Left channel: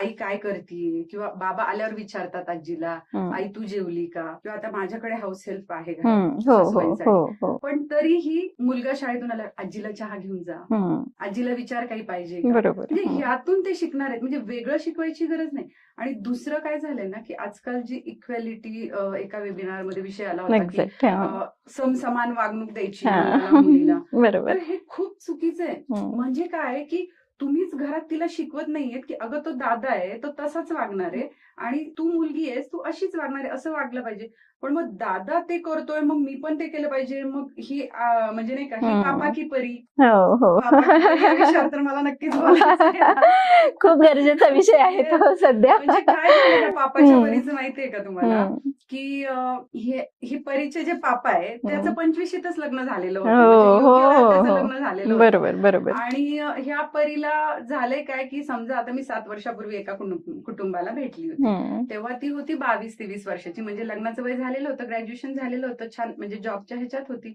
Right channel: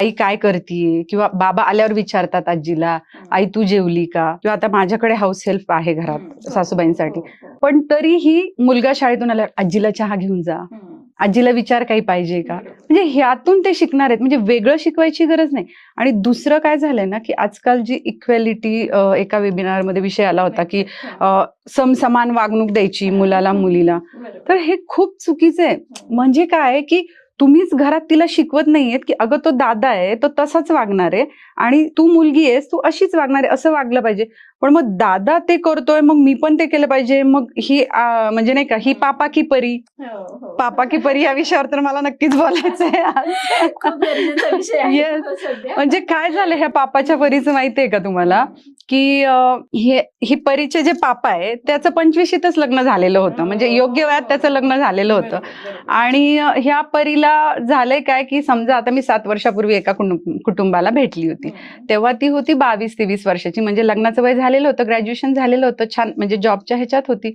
आई काय करतीये, किंवा बाबा आल्यावर विचारतात आजीला, आई तू जेवली का? किंवा आता माझ्याकडे हाऊस हेल्प आहे घरात सासूबाईंसाठी. पण तरीही मुलगा शाळेतून आल्यावर आजीला चहा घेऊन जा, आजीला विचार काही पाहिजे का? म्हणजे ह्यातून ते शिकणार आहेत. म्हणजे वेगळं शिकवायची गरज नाही. आणि दुसरं काय झालंय ना, की आजकाल जी इक्वॅलिटी, एका वेबिनारमध्ये विषय आला होता की समसमान वागणूक द्यायची मुलाला मुलीला. तर हे खूप चुकीचं आहे. म्हणजे काय की तुम्हीच घरात तिला शिकवत नाहीयेत की अगं तो दादा आहे, तो तसाच वागणार आहे आणि तू मुलगी आहेस, तू अशीच वागणार आहे, असं वागलं पाहिजे. पण मग दादा ते करतोय, मग मी पण ते केलं पाहिजे. मग ही म्हणजे नाही का, ही पापा की परी. पापा की परी या विषयावर तर मला नक्कीच बोलायचं आहे. खूप गरजेचा विषय आहे सध्या. म्हणजे काय झालं ह्या पापाच्या परीचं माहितीये का तुम्हाला, की हे परीचे जे पापा आहे त्याचं 25शीतच लग्न झालेलं होतं. म्हणजे योग्य वयात त्याचं लग्न झालेलं होतं. आणि ह्या परीला झालंय काय, की समजा आता मी 7 वर्षापूर्वी एका कुटुंबाला भेटली होती. तेव्हा ती होती 22-23 वर्षाची. म्हणजे लग्नाचं वय झालेलं होतं, ग्रॅज्युएशन झालेलं होतं, छान म्हणजे जॉबच्या ह्याच्यात होती.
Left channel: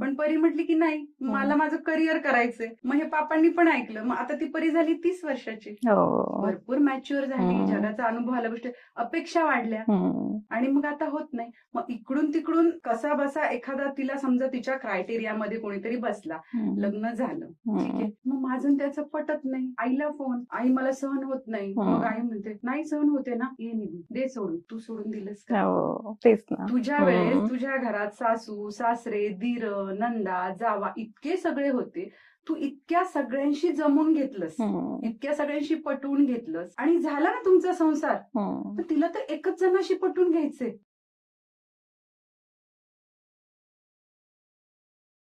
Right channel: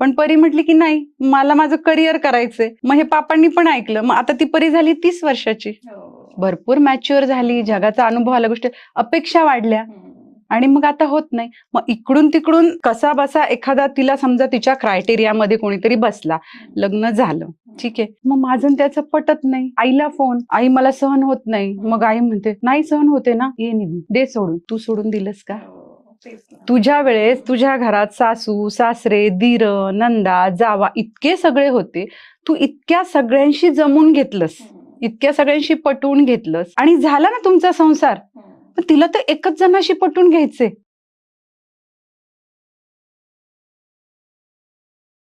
पण परी म्हटली की नाही, मला माझं करिअर करायचंय. मग हे पापांनी पण ऐकलं. मग आता ती परी झाली 30 वर्षाची. भरपूर मॅच्युअर झाली, जगाचा अनुभव आला, गोष्टी, अपेक्षा वाढल्या. आणि मग आता होत नाही. मग इकडून तिकडून कसा बसा एखादा तिला समजा तिच्या क्रायटेरियामध्ये कोणीतरी बसला, लग्न झालं, ठीक आहे. मग माझं त्याचं पटत नाही. आईला फोन, आई मला सहन होत नाही. मग आई म्हणते नाही सहन होते ना, ये निघून, दे सोडून. तू सोडून दिलंस का? तुझ्या वेळेस तुझ्या घरात सासू सासरे दीर नंदा जावा इतके सगळे होते. तू इतक्या सगळ्यांशी जमून घेतलंस, इतक्या सगळ्यांशी पटवून घेतलंस आणि झाला ना तुमचा संसार. तिला तर एकच जणाशी पटवून घ्यायचे.